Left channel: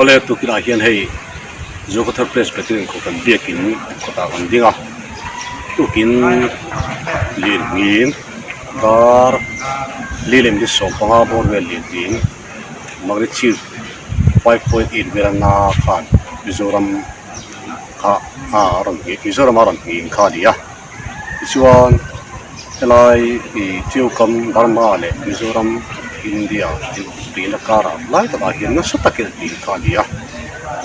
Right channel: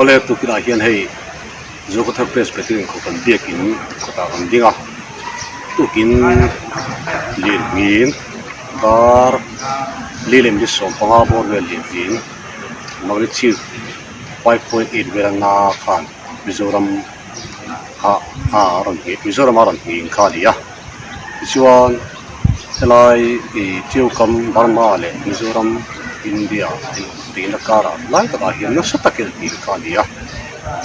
ole tu kina hian hei Zokothar Presbyterian ko kan biakin kota kan dinga tukin lin ngin dar lilem di som panga bor wel lin magri chi 5.8 verana khan Mizoram kha Mizoram aran hi kha dia chuan helai I tiu kam Burma le Mizoram India in the kara lai ta hian na satakel ti kha dia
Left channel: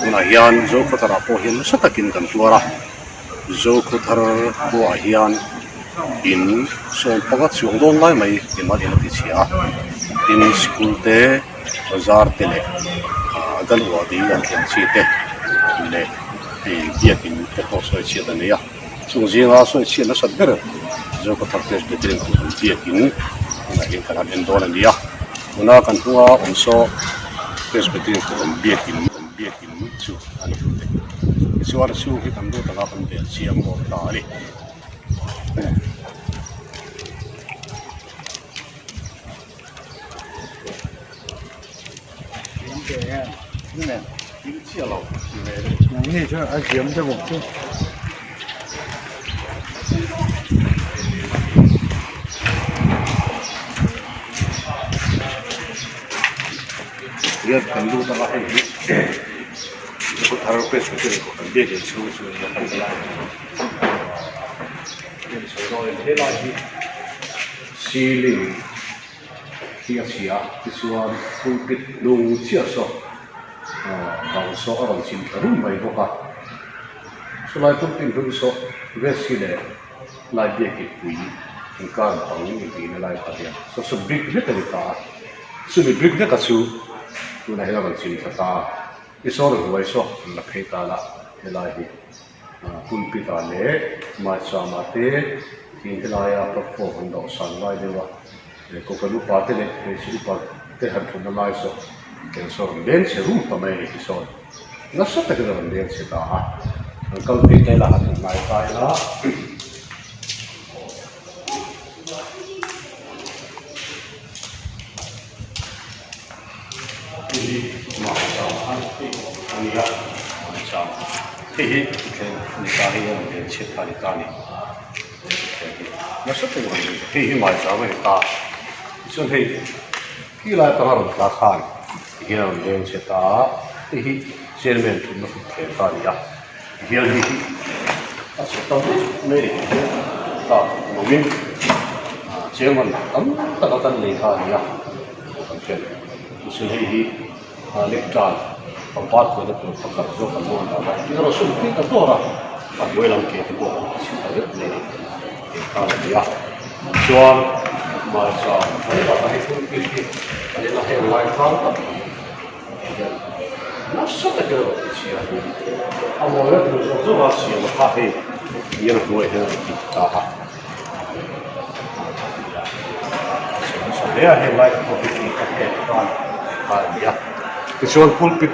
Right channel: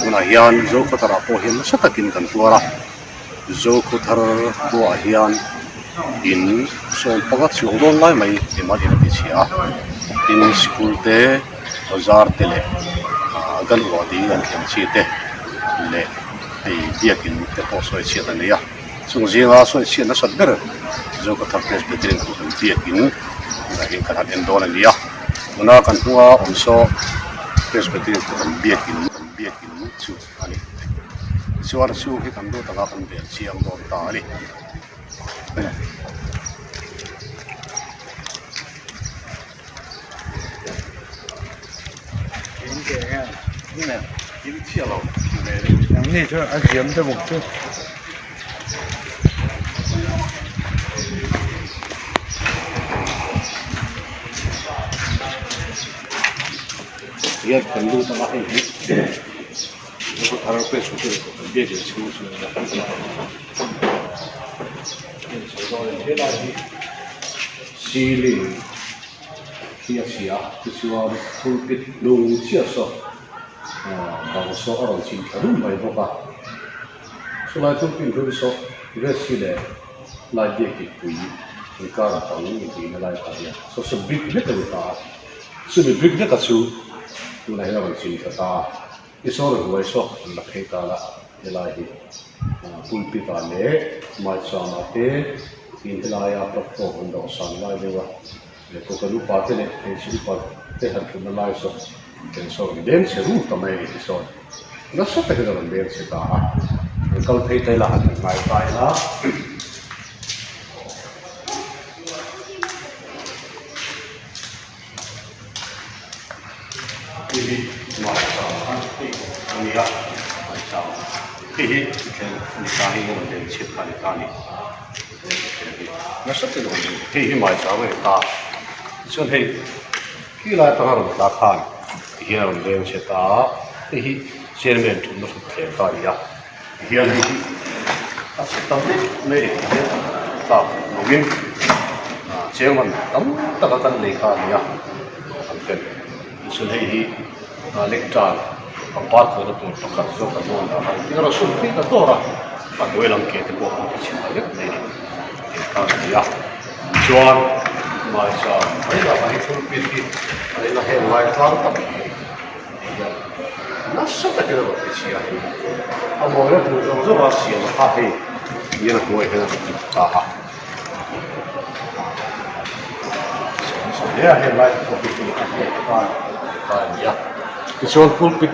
una hian Zokothar po hian na satakin kan tuara Zokothar po hian in som panga chung don lai mai ema din ti chia tin school te bazar te le galwa di an thiam chi te le biakin te po soi chi ta ne ya chung zinga soi chi na sat ber Zokothar Presbyterian ko biakin na hin kan en don an ya una kan huwa onso Presbyterian ko biakin chu ani chuar chu hi kan do ta kan bel chiam bo ta aliนี่แหละ in chia lo ne นี่ช่วยอาเจียมจะบุกช่วย ya kan do ta hai ko thar Presbyterian ko kan biakin chu ya kan ya in so do in hela hi ceiling chia chuan pulpit lung chia so bang so aron chin tharum mai boka sulai pulpit lung so vesile lai de ki pui in kar pang ni ti na lai ta so big bit ta so big na ka chu tu na hela ban chin ta isor huai so la phe ta la helai hi pulpit a le ma chama te in helaya platform do san lai dewa ko kalu parte le chi pa te har thuna lai so ken so den se ru ta mai so na sa ta ke ran den se ta ha kal pe te la han mai tai la hi ma sa han ti ani ya cha hi ken ni ta hi mo den che ta ni ta ni na sa ta ke ran den hi mai sa mai ta xuân thì khi lại ta làm cá khan thì làm đêm sẽ ta thì trên miền trung nó phục thể ta đi à hiện thì ta sẽ tâm này để ta nông dân chế mình tấm ta có tân lấy khan đi à còn chuyện xuân thì lịch tràn còn bắt của nó cũng có cả dấu cả luôn là nhưng mà xuân thì cái to ra và đôi lòng kia thì bộ chỉ phải được này ta đi à xuân mai sao đây là bài phun pin kia đây là hệ loại thang tập nó rất là cái rồi thì à mọi người thường thường rất là xỉa mà phát hiện như là mọi người ta ha đây là hệ loại của pin các hệ toàn ya cái số pulpit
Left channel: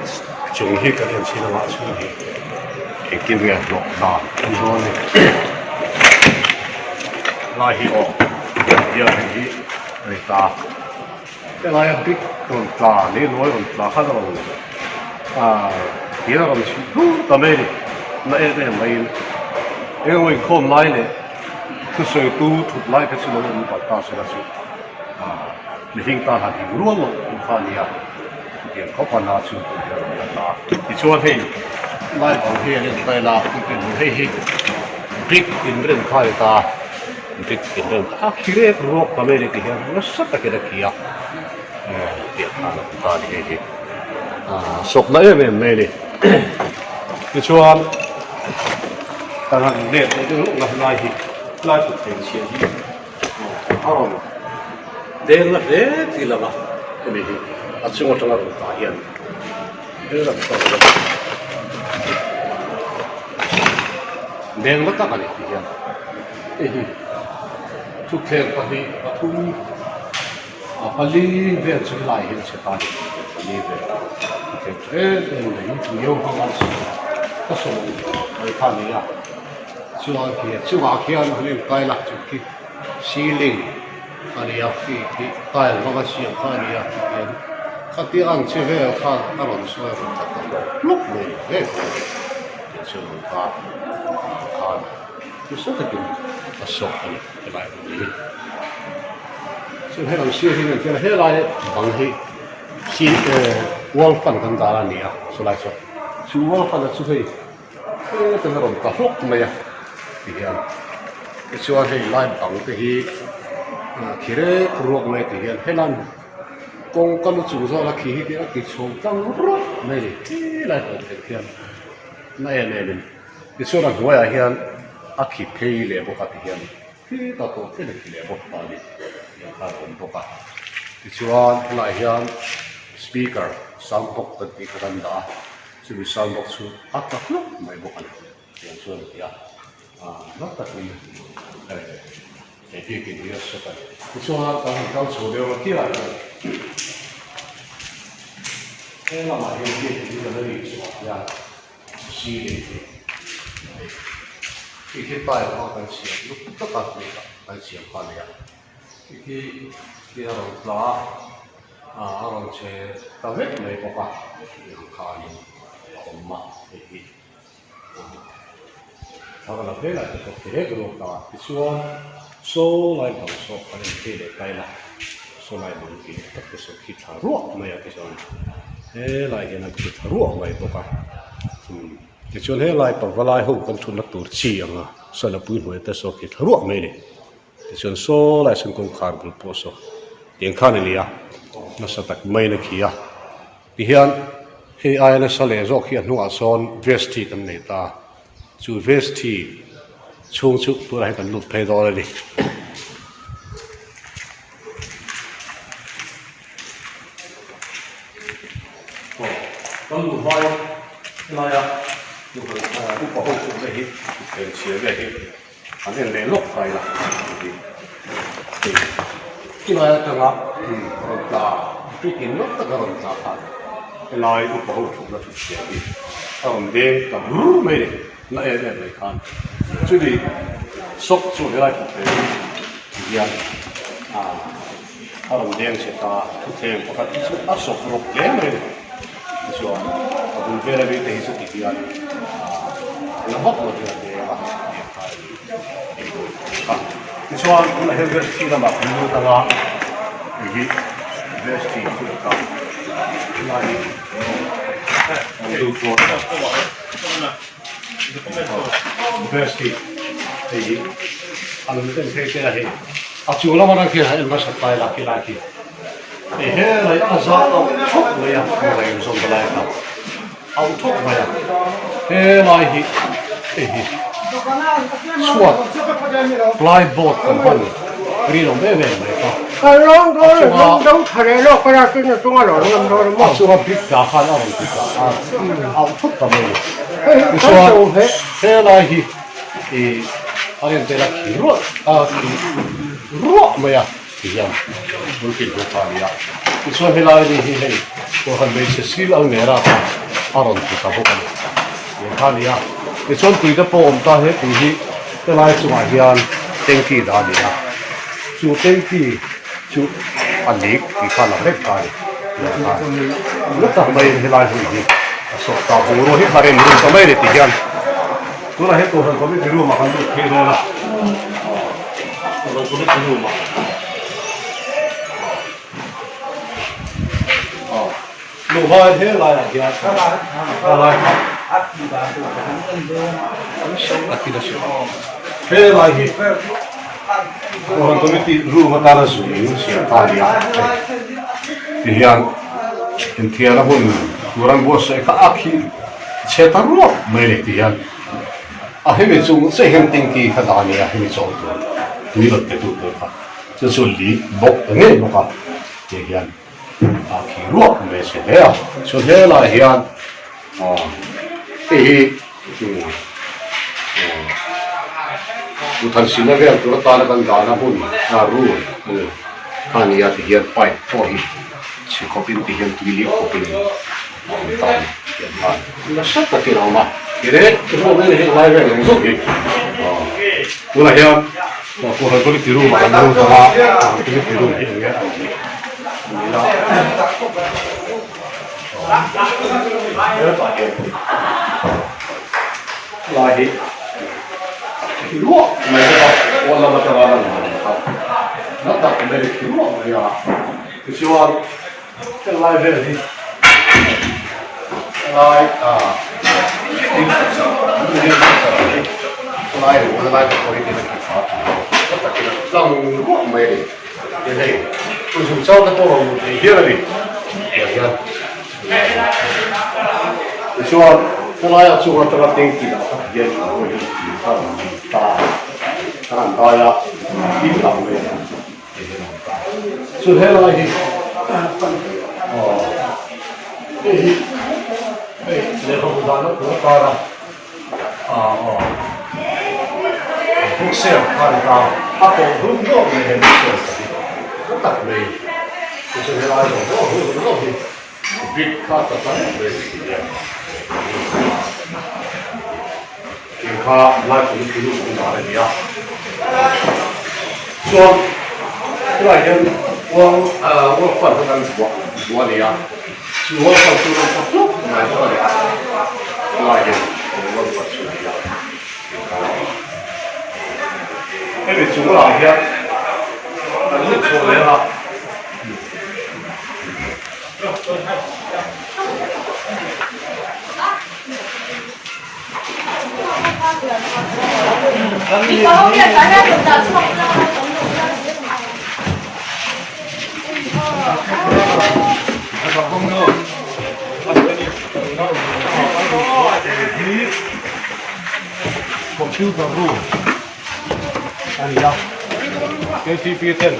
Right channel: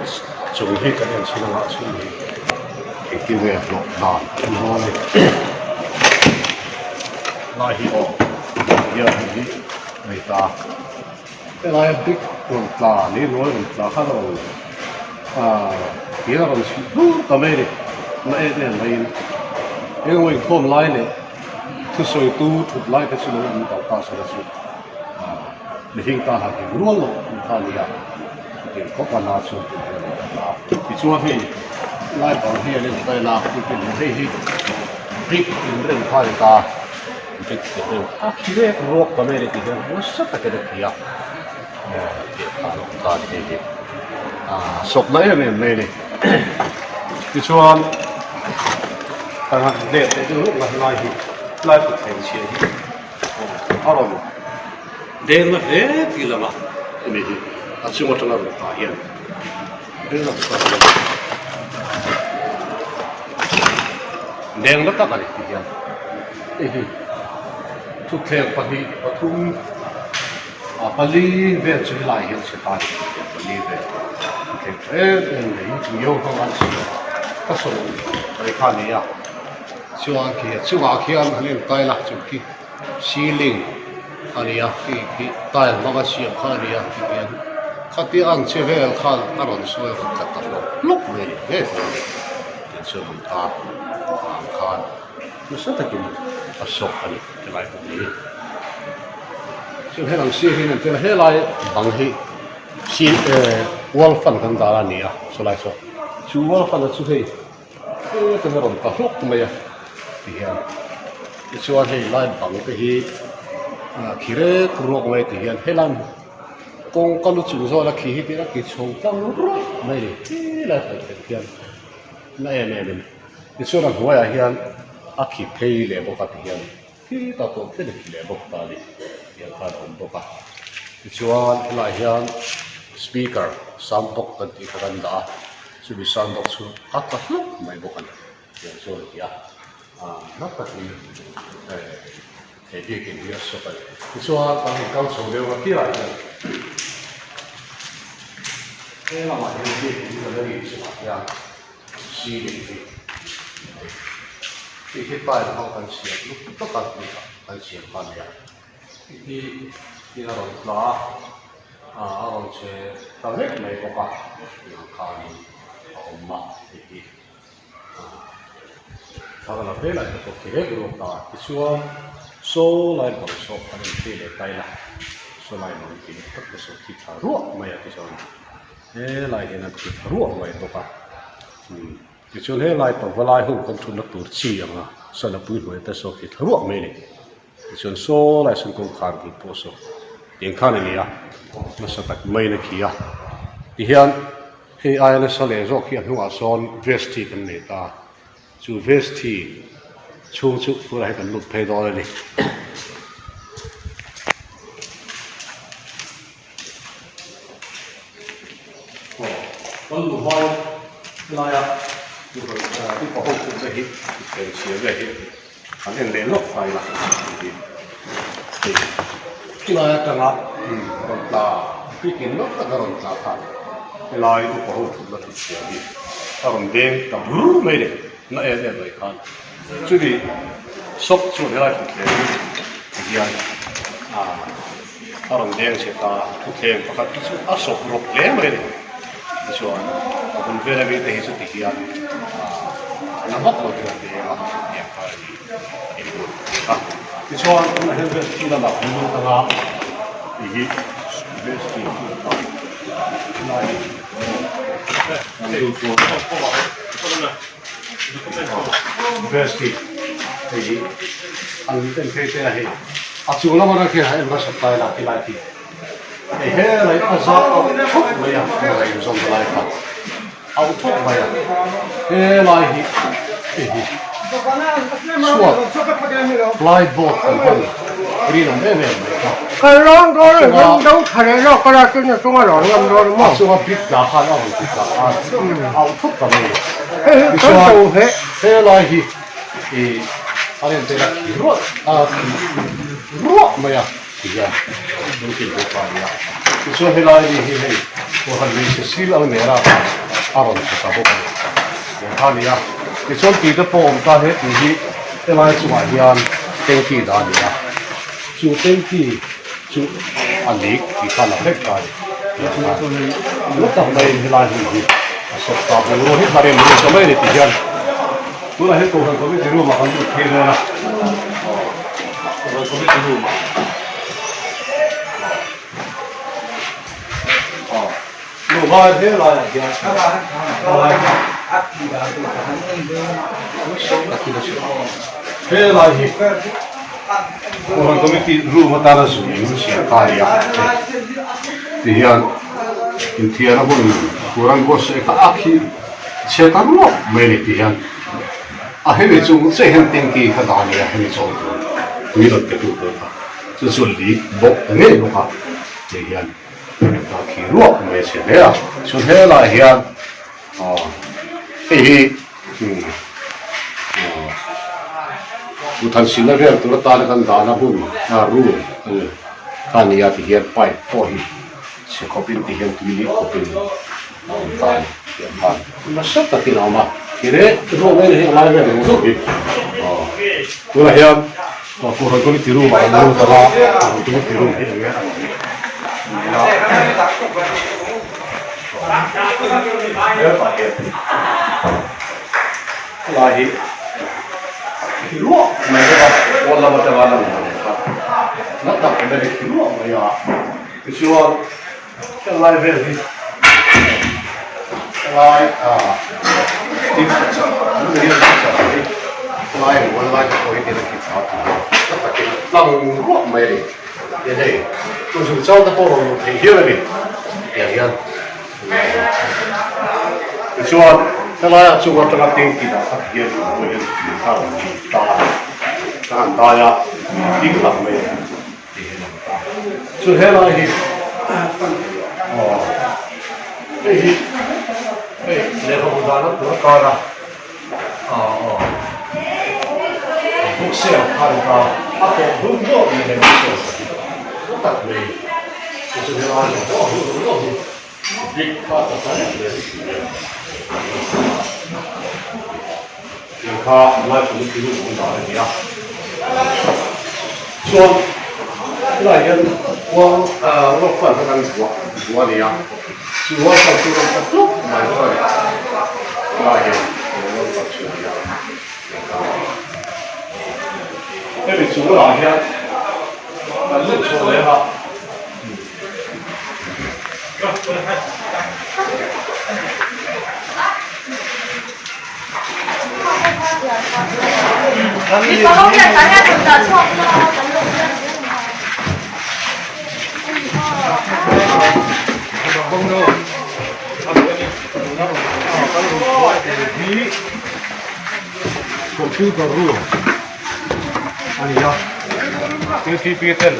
chúng hi cái này chỉ là họ suy nghĩ cái kinh nghiệm lộ nàn như này lại hiểu giờ thì người ta cái này big còn ta lấy nói còn ta khác rồi kia là còn tao mấy đi nãy cái này cái người không lại này thứ sáu tu thuộc lại cái số lượng người ta sẽ là số mình hiện ta là cái luôn luôn ta đi à cái có phần nào số người ta thì cho thì lại bảo hiền lên đây là cái gì big in rừng thay ta cái đường akhirnya ruok kami ni kaya nasa ta kaya kaya ta kaya sok na yun may ni kisuan tangan ni itu lah lai potensial aron den lah tila lah ini asyik macam apa tahian dia lah den lah tak kali tahian ini chúc khen pahi pathum pali về chơi lại hiện sẽ tài pali về cái thế này chủ yếu không ăn các số cái phan này à siêu kia ăn lên tay là chụp cái ceiling anh à cái tay nó có siêu phan này à khát tiếng ăn chơi về là khát ăn rồi xưa thì thật là lúc này hết tiền chơi mình khát khát nó rất là kinh à sốc anh cái lại không biết chơi hết lần xưa thì mình chơi hết lại bằng thì xí wall fan kan dara nia so lai so chu wall fan chu hei cái nó còn cả lúc mày thì hiện cái chuột hei lai bằng cái hi khi đấy ruột mày thì hiện hết lan con lúc chủ do là khi cái chuột tăng ruột mày đi lại phải hiện này cái chuột là gọi là hiện khi thấy lệ bốc thì hiện khi ta có thấy được lệ bốc ta đi hiện ta cũng bốc cái chuột lại hiện speaker soundbox tadi ko ganda subi soundbox su akak no may bukan yan so ya nakat ni dia dia so pa so ang so de wa kira la ma dia dia da ri so ya si de cái tai nó kan sia lúc tất cả kan sia kan ya cái nó là ông sẽ tao hết mấy có cả những cái ông mà thì thằng nào thế lại có thể hết được cả cái số lại bằng số anh em thế để tay là số lại bằng cái tất cả số khi thả ruộng mày cái số thế lại hiện là khi thả ruộng mày có cả cái số thế lại bằng cái lại không còn chun nó tụt chi à số là bùi mày tới số khi thả ruộng mày này cái số lại xong công khai bị bỏ số tiền khăn này à nó sẽ tách mấy này kia thì hiện khi ai nó sẽ lấy rồi khi nó son vesti cái này ta chú vesti chung chút bữa nay cần lục pay đó đi con lục vai cái này à lục cái bảo hộ chúng ta hết cái chia về hết anh em lấy lục phải là cái này cái ngọc còn là cái kiến nó tất cả còn là thật cái này cũng bảo hộ chúng ta thực hiện đi còn đen là bự mấy đấy nó em vậy con chứ đi sốc xuống cái này thực hiện còn đen sẽ ta thực hiện các cái sốc rộp lên mấy đấy cái số còn về là về thì sẽ thực hiện nó mất rồi thì là em phải đi cái số là hiện về khi là bảo hành động ta là 이게 베스트 있다. 나이. 베스트. 이게 안된 프레이크야 해. 아치올라 말하게 할 것이 없다라 기라기. 에헤라 아자 톡 뭐야. 좀 달라야. 아우 톡 뭐야. 에라이. 에히. 수업. 블라이보트 번. 우리는 왜 cái lông đó là lông đâu thề nó có ra cái chúng nó nói lông đó đúng không? chúng nó biết cả hai nó biết cả ao thuốc cả này cái số thế là thì anh em thấy là ruộng mà ya thì ya đôi khi có phải ya cái số thế là thì tôi còn bị sự xí lâu nữa là ông thì cả bộ này những cái ya cái số tùy theo bộ ta hết thì cái này chúng ta hiện tên kỳ đã đi ya chú tên kỳ chú anh ấy thì khăn là hết tài lúc tập đây thì là gì sốt cà bù rồi hết là em muốn cái này để tiền tôi là hết cổ phần có biết cái luôn mà còn được thêm thôi là rồi có biết cái luôn mà đủ bao thế là gì là thế là gì orang komiti rumah tanah sunyi siapa ya? Tiang, tiang apa ni? Orang bos eka akhir, setan lo, mana tiang? Akhirnya cuma sehem tinggi kata ni akhirnya cuma tu lot itu berapa? Sesulit bok ni berapa? Tiang, akhir lo, mana sebelah? Sebelah tiang, Tuhan sila dia tu letak dalam dana pun haru kan ya tihian pai pohi si kopin tihian tuili kopin tan tihian tan masa tak kira mah kira rumah ni lain lain ni tu lah yang tu kalau tiru malam tu salah tu tiru ni เยอะกว่าเดิมลายที่ลวกไม่ได้ครับวันละวันละวันนะครับนับดับไม่ได้ที่ลวกเลยอ่ะคือชื่อว่าเป็นลายเวลที่ลายดิ้นสับไม่ได้สับลายวันลายเป็นคนที่ไม่ได้สับแล้วแต่ที่เราลวกไม่ได้ยังไงตัวสุดเจ้าตะโกนที่เยอะเลยอย่างนั้นคือชื่อว่า Sellainen suhotella tinkkinä, hieno voidaan antaa ja tikla meidän. Se helaihin. Ei, ne halutaan ottaa kaana. Buksia kantaa. Ako hunko meidän buksia. Otat meidän. Ja se helaihin on hunko. Pikkaa tätä meidän. กินข้าวไล่ผลกินลูกของหมาเลยเนี่ยส่วนที่ไหนกัน我换成咱我的呀，是我上初中他不买过的，那也我不吃的呀。那边煮了两天，反正出来了。你帮我给咱俩做大葱，然后咱们这样子很好。Computer room. Ania. Kesti Peter.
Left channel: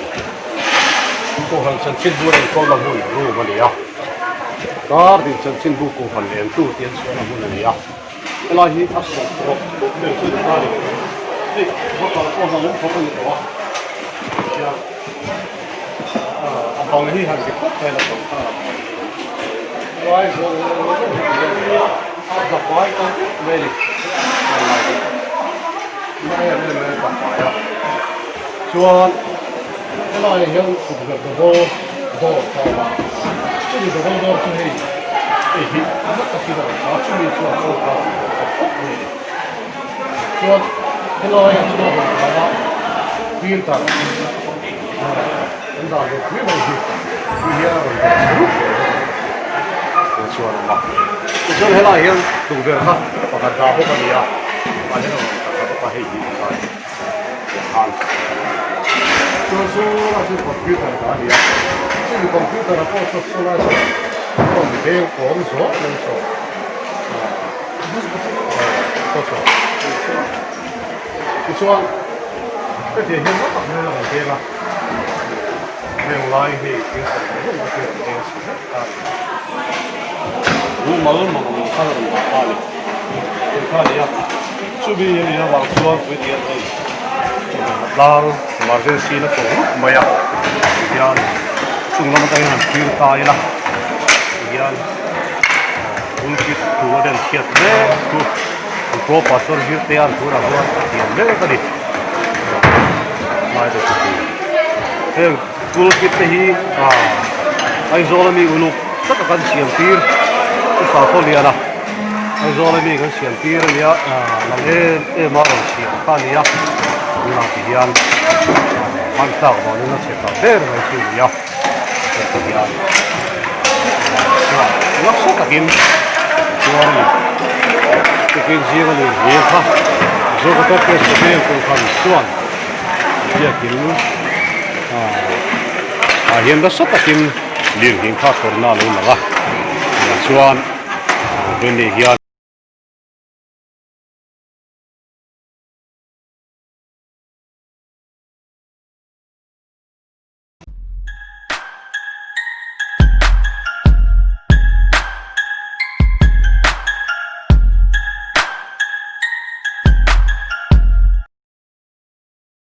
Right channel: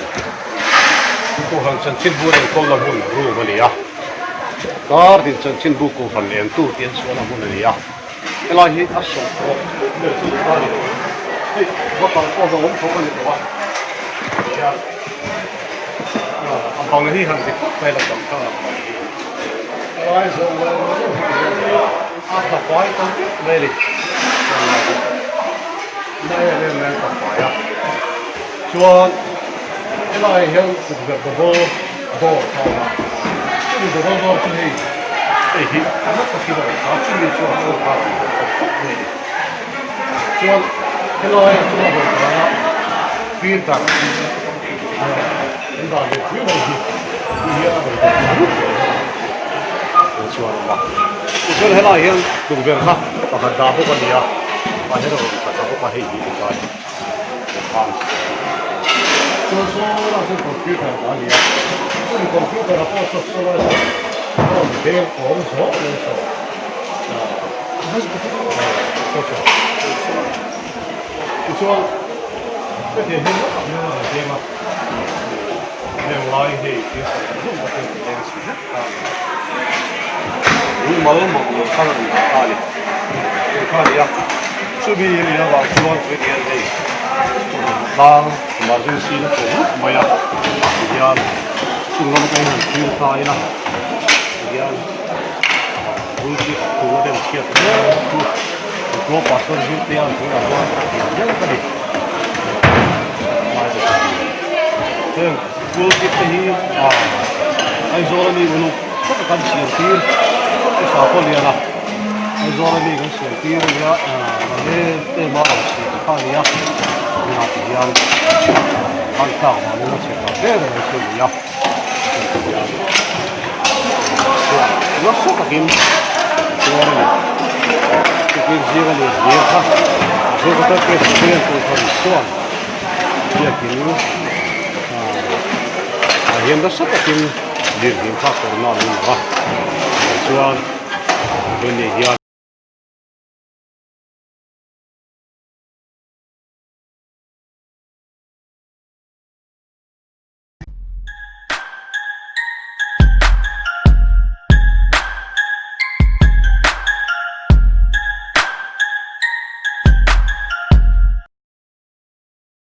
Kohan sen sin vuoden kolla room ania. Kaartin sen sin buku haneen tuutien suona ania. Elahi assa pro. Löysin kaali. Hei, otan tuolla. Ja abang hi han se meillä on täällä. Ai se on aika paikka veli. Näin tapaa. Suon elahi hion kutsutaan bo täällä. Tuli bo se hei. Ei, kannattaa kidoittaa. Tuli suon veli. Suon elahi suon täällä. Piirtää. Entä on nyt hyvä suoralla. Kun se on helaa ihan tulkerta, kun saa hukan ja hukan heihin tai se on suoraan sen computerta ja sen computerta pois sellaisen on helppo, on se. Kun se on Cái hiện rất là là kia mà mình lại thì cái rất là cái tình sự rất là 우리 마음 먹고 사는 아니 그러니까 수비에 와서 그게 랑 맞은 시는 뭐야 그냥 수고는 그냥 기울다이나 그냥 우리 그거는 시켰대 그 봤어 실 때야 그거라고 그래 Kaya kulkit na hi, ay zolami uluk sa kakan siyang tir, sa tolya na. Ay zolami kan siyang tir niya, nangin marang siyang kan niya, nangin ang tawag na nung siya pero ay siyang niya. Nasa takin, takin siya ka nun, siya ka. Siya ka takin siya kung kamisyon. Siya kinu. Hiện đó sắp takin liều hiện khác của nó luôn là chuan bên này